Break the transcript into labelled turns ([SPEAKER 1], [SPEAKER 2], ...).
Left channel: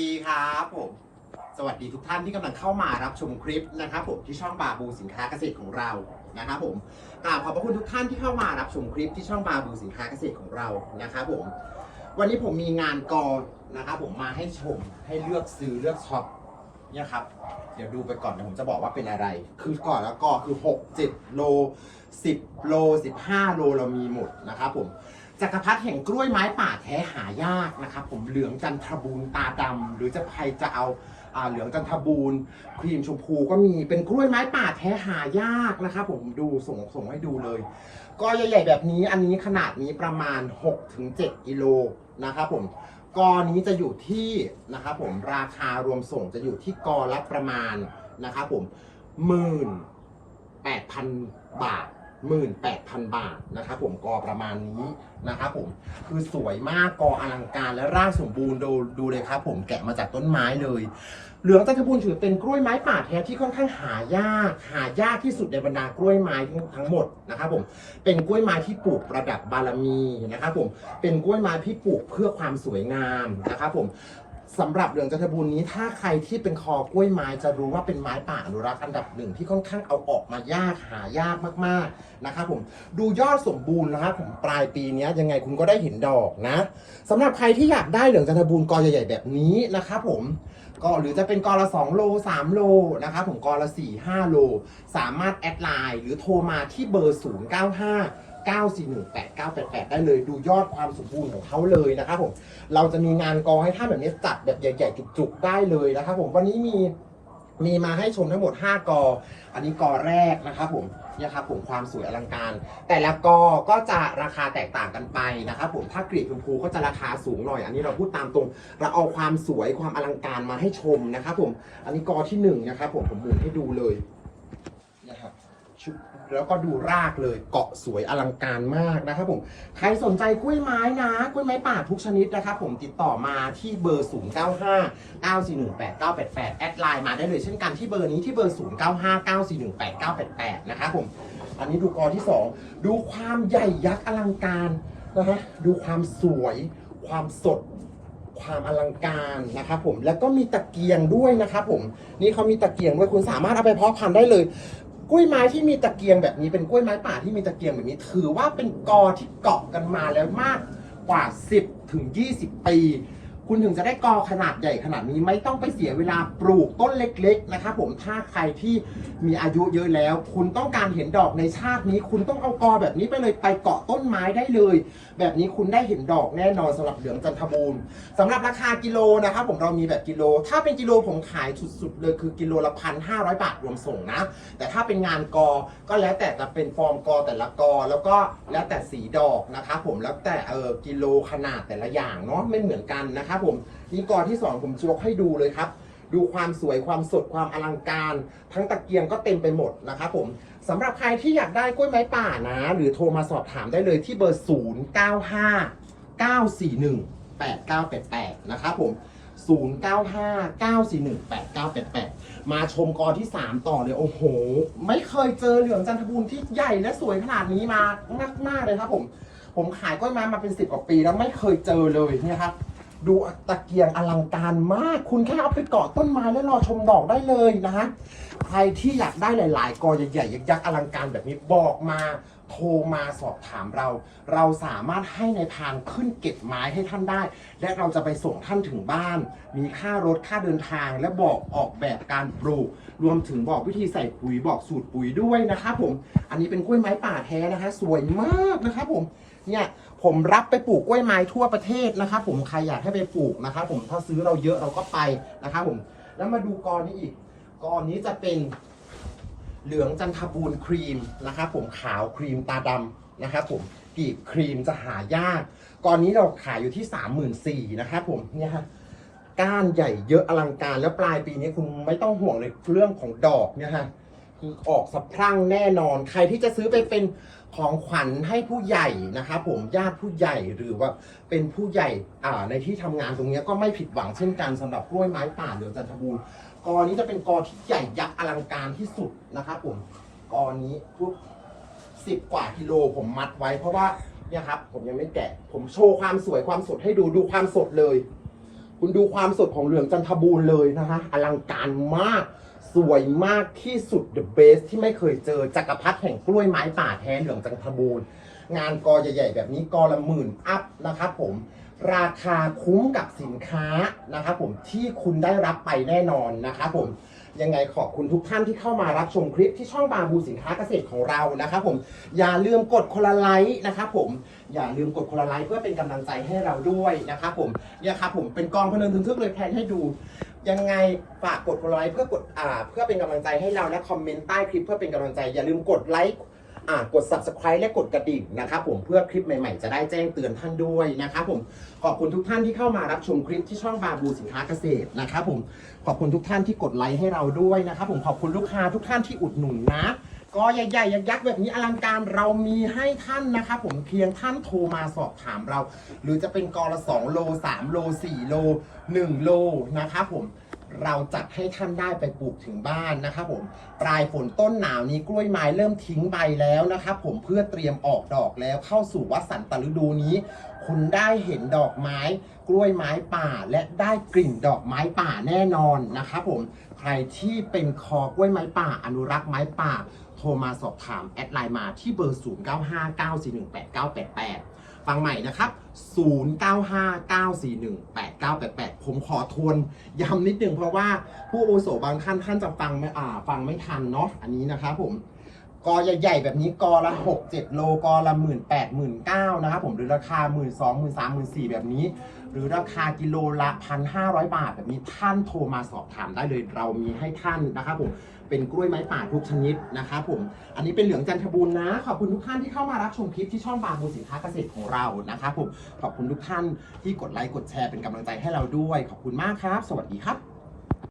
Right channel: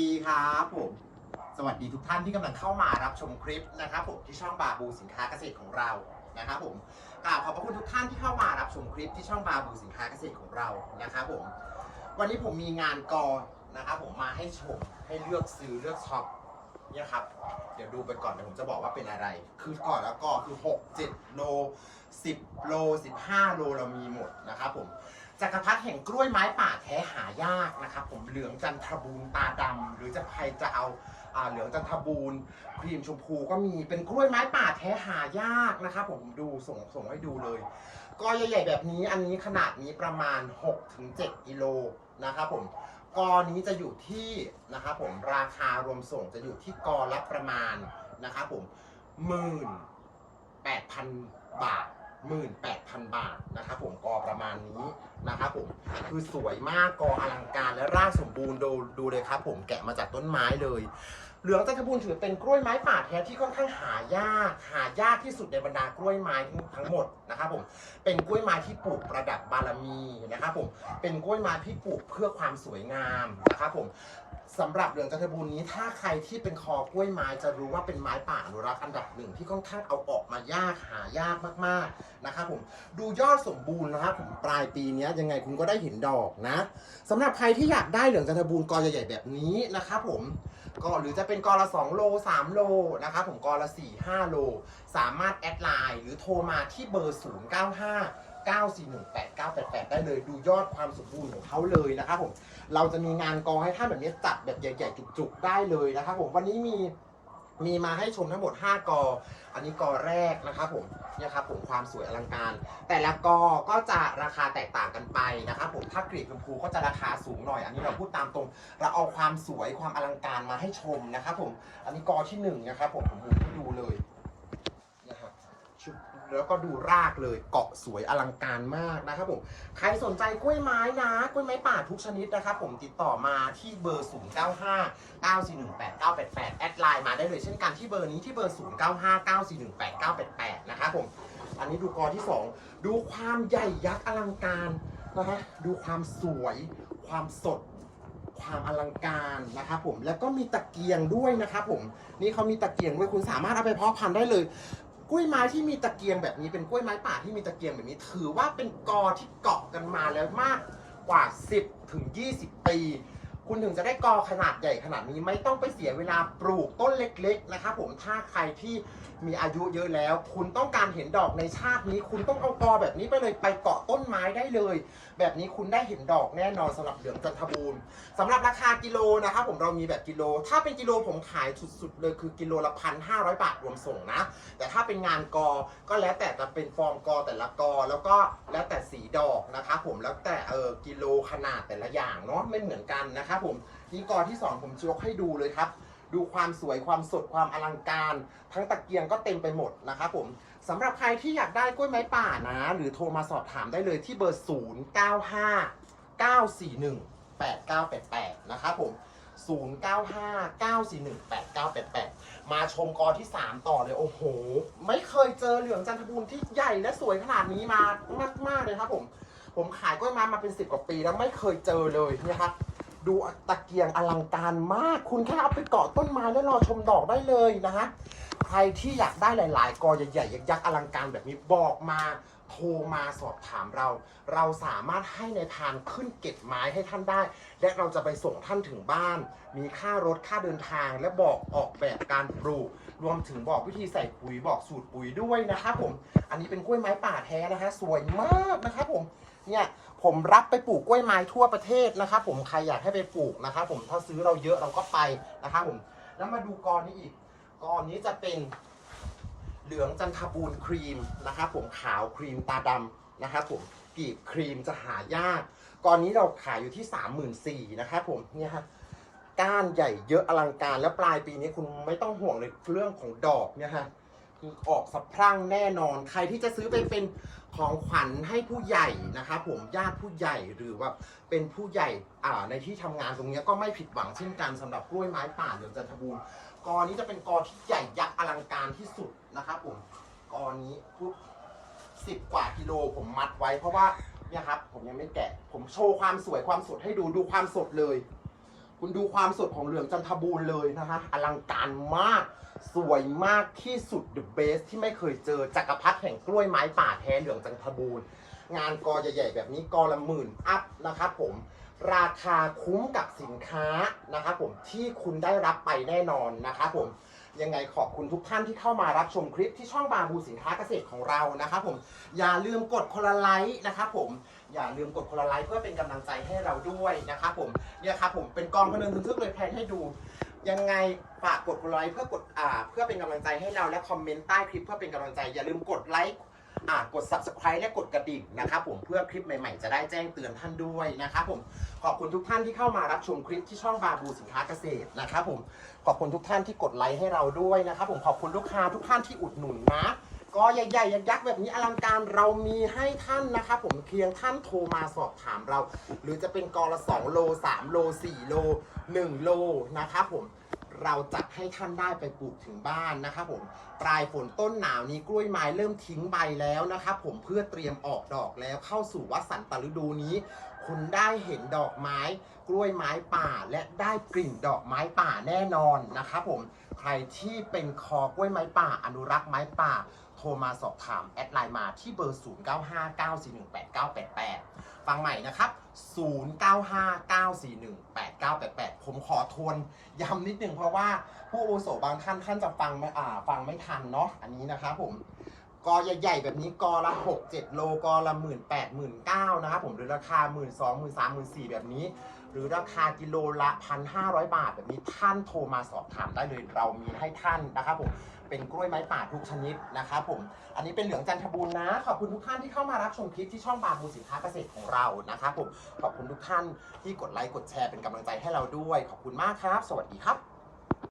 [SPEAKER 1] ดีครับผม สวัสดีทุกท่านที่กำลังเข้ามารับชมคลิปนะครับผมที่ช่องบาบูสินค้าเกษตรของเรานะครับผมกราบขอบพระคุณทุกท่านที่เข้ามารับชมคลิปที่ช่องบาบูสินค้าเกษตรของเรานะครับผม วันนี้ผมมีงานกอนะครับผมมาให้ชมให้เลือกซื้อเลือกช็อปเนี่ยครับ เดี๋ยวดูไปก่อนเดี๋ยวผมจะบอกว่าเป็นอะไร คือก่อนแล้วก็คือ 6 7 โล 10 โล 15 โลเรามีหมดนะครับผม จักรพรรดิแห่งกล้วยไม้ป่าแท้หายากนะครับผมเหลืองจันทบูรณ์ตาดำหรือจะใครจะเอาอ่าเหลืองจันทบูรณ์ครีมชมพูก็มีเป็นกล้วยไม้ป่าแท้หายากนะครับผมดูส่งส่งให้ดูเลย ก็ใหญ่ๆแบบนี้อันนี้ขนาดนี้ประมาณ 6-7กิโลนะครับผมกอนี้จะอยู่ที่นะครับผมราคารวมส่งจะอยู่ที่กอละประมาณนะครับผมหมื่น8,000บาท 18,000 บาทนะครับผมกอประมาณนี้นะครับผมคือสวยมากกออลังการและร่างสมบูรณ์ดูดูเลยครับผมแกะมาจากต้นไม้เลย เหลืองจันทบูรณ์ถือเป็นกล้วยไม้ป่าแท้ที่ค่อนข้างหายาก หายากที่สุดในบรรดากล้วยไม้ทั้งหมดนะครับผมเป็นกล้วยไม้ที่ปลูกประดับบารมีนะครับผมเป็นกล้วยไม้ที่ปลูกเพื่อความสวยงามนะครับผม สำหรับเหลืองจันทบูรณ์นี้ถ้าใครที่เป็นคอกล้วยไม้จะรู้ว่าเป็นไม้ป่าอนุรักษ์อันดับหนึ่งที่ค่อนข้างเอาออกมายากหายากมากๆนะครับผมดูยอดสมบูรณ์นะครับผมปลายปีนี้ยังไงคุณก็ได้เห็นดอกนะสำหรับใครที่อยากได้เหลืองจันทบูรณ์กอใหญ่ๆแบบนี้นะครับผมก็หรือจะเป็นกอละ 2 โล 3 โลนะครับผมกอละ 4 5 โล สามารถแอดไลน์หรือโทรมาที่เบอร์ 095 9418988 ได้เลยดูยอดความสมบูรณ์ของเขาเลยนะครับผมเราจะมีงานกอให้ท่านแบบนี้จัดแบบใหญ่ๆจุกๆได้เลยนะครับผมวันนี้มีมีมาให้ชมทั้งหมด 5 กอ อันนี้กอแรกนะครับผมเนี่ยครับผมความสวยอลังการ แต่ละกอก็จะราคาแตกต่างกันไปนะครับผม ถ้ากรีบชมพูก็จะราคาสูงหน่อย อันนี้เราพูดตามตรง เราเอาความสวยความอลังการมาให้ชมนะครับผม อันนี้กอที่หนึ่งนะครับผม ผมหมุนให้ดูเลย ชุบแล้วก็ดูรากเลยเกาะสวยอลังการมากนะครับผม ใครสนใจกล้วยไม้นะกล้วยไม้ป่าทุกชนิดนะครับผมติดต่อมาที่เบอร์ 0 9 5 9 4 1 8 9 8 8 แอดไลน์มาได้เลยเช่นกันที่เบอร์นี้ที่เบอร์ 0 9 5 9 4 1 8 9 8 8 นะครับผม อันนี้ดูกอที่ 2 ดูความใหญ่ยักษ์อลังการนะฮะดูความสวยความสดความอลังการนะครับผมแล้วก็มีตะเกียงด้วยนะครับผมนี่เขามีตะเกียงด้วยคุณสามารถเอาไปเพาะพันธุ์ได้เลย กล้วยไม้ที่มีตะเกียงแบบนี้เป็นกล้วยไม้ป่าที่มีตะเกียงแบบนี้ ถือว่าเป็นกอที่เกาะกันมาแล้วมากกว่า 10ถึง20 ปี คุณถึงจะได้กอขนาดใหญ่ขนาดนี้ไม่ต้องไปเสียเวลาปลูกต้นเล็ก ๆ นะครับผมถ้าใครที่มีอายุเยอะแล้ว คุณต้องการเห็นดอกในชาตินี้ คุณต้องเอากอแบบนี้ไปเลยไปเกาะต้นไม้ได้เลย แบบนี้คุณได้เห็นดอกแน่นอนสำหรับเหลืองจันทบูรณ์สำหรับราคากิโลนะครับผมเรามีแบบกิโล ถ้าเป็นกิโลผมขายสุดๆเลยคือกิโลละพันห้าร้อยบาทรวมส่งนะ แต่ถ้าเป็นงานกอก็แล้วแต่จะเป็นฟอร์มกอแต่ละกอแล้วก็แล้วแต่สีดอกนะครับผมแล้วแต่เออกิโลขนาดแต่ละอย่างเนาะไม่เหมือนกันนะครับผมนี่กอที่สองผมจะยกให้ดูเลยครับ ดูความสวยความสดความอลังการ ทั้งตะเกียงก็เต็มไปหมดนะครับผมสำหรับใครที่อยากได้กล้วยไม้ป่านะ หรือโทรมาสอบถามได้เลยที่เบอร์ 0 9 5 941 8988 นะครับผม 095 941 8988 มาชมกอที่ 3 ต่อเลย โอ้โห ไม่เคยเจอเหลืองจันทบูรณ์ที่ใหญ่และสวยขนาดนี้มามาก ๆ เลยครับผม ผมขายกล้วยไม้มาเป็น 10 กว่าปีแล้วไม่เคยเจอเลยนี่ยครับ ดูตะเกียงอลังการมาก คุณแค่เอาไปเกาะต้นไม้แล้วรอชมดอกได้เลยนะฮะ ใครที่อยากได้หลายๆกอใหญ่ๆยักษ์อลังการแบบนี้บอกมาโทรมาสอบถามเรา เราสามารถให้ในทางขึ้นเก็บไม้ให้ท่านได้ และเราจะไปส่งท่านถึงบ้าน มีค่ารถค่าเดินทาง และบอกออกแบบการปลูก รวมถึงบอกวิธีใส่ปุ๋ยบอกสูตรปุ๋ยด้วยนะครับผม อันนี้เป็นกล้วยไม้ป่าแท้นะคะ สวยมากนะครับผม เนี่ย ผมรับไปปลูกกล้วยไม้ทั่วประเทศนะครับผมใครอยากให้ไปปลูกนะครับผมถ้าซื้อเราเยอะเราก็ไปนะครับผมแล้วมาดูกอนี้อีกกอนี้จะเป็นเหลืองจันทบูรณ์ครีมนะครับผมขาวครีมตาดำนะครับผมกีบครีมจะหายากกอนนี้เราขายอยู่ที่3 4 0 0 0นะครับผมเนี่ยฮะก้านใหญ่เยอะอลังการแล้วปลายปีนี้คุณไม่ต้องห่วงเลยเรื่องของดอกเนี่ยฮะ อออกสะพรั่งแน่นอน ใครที่จะซื้อไปเป็นของขวัญให้ผู้ใหญ่นะครับผมญาติผู้ใหญ่หรือว่าเป็นผู้ใหญ่อ่าในที่ทำงานตรงนี้ก็ไม่ผิดหวังเช่นกันสำหรับกล้วยไม้ป่าเหลืองจันทบูรณ์กอนี้จะเป็นกอที่ใหญ่ยักษ์อลังการที่สุดนะครับผมกอนี้ปุ๊บสิบกว่ากิโลผมมัดไว้เพราะว่าเนี่ยครับผมยังไม่แกะ ผมโชว์ความสวยความสดให้ดูดูความสดเลย คุณดูความสดของเหลืองจันทบูรณ์เลยนะคะอลังการมาก สวยมากที่สุด the best ที่ไม่เคยเจอจักรพรรดิแห่งกล้วยไม้ป่าแท้เหลืองจันทบูรณ์งานกอใหญ่ๆแบบนี้กอละหมื่นอัพนะครับผมราคาคุ้มกับสินค้านะครับผมที่คุณได้รับไปแน่นอนนะครับผมยังไงขอบคุณทุกท่านที่เข้ามารับชมคลิปที่ช่องบาบูสินค้าเกษตรของเรานะครับผมอย่าลืมกดคนละไลค์นะครับผมอย่าลืมกดคนละไลค์เพื่อเป็นกำลังใจให้เราด้วยนะครับผมเนี่ยครับผมเป็นกองพนันทึงทึกเลยแพนให้ดู ยังไงฝากกดคนละไลค์เพื่อกดอ่าเพื่อเป็นกำลังใจให้เราและคอมเมนต์ใต้คลิปเพื่อเป็นกำลังใจ อย่าลืมกดไลค์อ่ากด subscribe และกดกระดิ่งนะครับผมเพื่อคลิปใหม่ๆ จะได้แจ้งเตือนท่านด้วยนะครับผมขอบคุณทุกท่านที่เข้ามารับชมคลิปที่ช่องบาบูสินค้าเกษตรนะครับผมขอบคุณทุกท่านที่กดไลค์ให้เราด้วยนะครับผมขอบคุณลูกค้าทุกท่านที่อุดหนุนนะ ก็ใหญ่ๆยักษ์ๆแบบนี้อลังการเรามีให้ท่านนะครับผมเพียงท่านโทรมาสอบถามเรา หรือจะเป็นกอละ 2 โล 3 โล 4 โล 1 โลนะครับผมเราจัดให้ท่านได้ไปปลูกถึงบ้านนะครับผมปลายฝนต้นหนาวนี้กล้วยไม้เริ่มทิ้งใบแล้วนะครับผมเพื่อเตรียมออกดอกแล้วเข้าสู่วัสันตฤดูนี้ คุณได้เห็นดอกไม้ กล้วยไม้ป่าและได้กลิ่นดอกไม้ป่าแน่นอนนะครับผมใครที่เป็นคอกล้วยไม้ป่า อนุรักษ์ไม้ป่า ทรมาสอบถาม แอดไลน์มาที่เบอร์ 0959418988 ฟังใหม่นะครับ 0959418988 ผมขอทวนย้ำนิดนึงเพราะว่าผู้อุโสบางท่านท่านจะฟังไม่อ่าฟังไม่ทันเนาะอันนี้นะครับผมกอใหญ่ๆแบบนี้กอละ6 7โลกอละหมื่นแปดหมื่นเก้านะครับผมหรือราคาหมื่นสองหมื่นสามหมื่นสี่แบบนี้ หรือราคากิโลละพันห้าร้อยบาทแบบนี้ท่านโทรมาสอบถามได้เลยเรามีให้ท่านนะครับผมเป็นกล้วยไม้ป่าทุกชนิดนะครับผม อันนี้เป็นเหลืองจันทบูรณ์นะ ขอบคุณทุกท่านที่เข้ามารับชมคลิปที่ช่องบาบูสินค้าเกษตรของเรานะครับผม ขอบคุณทุกท่านที่กดไลค์กดแชร์เป็นกำลังใจให้เราด้วย ขอบคุณมากครับ สวัสดีครับ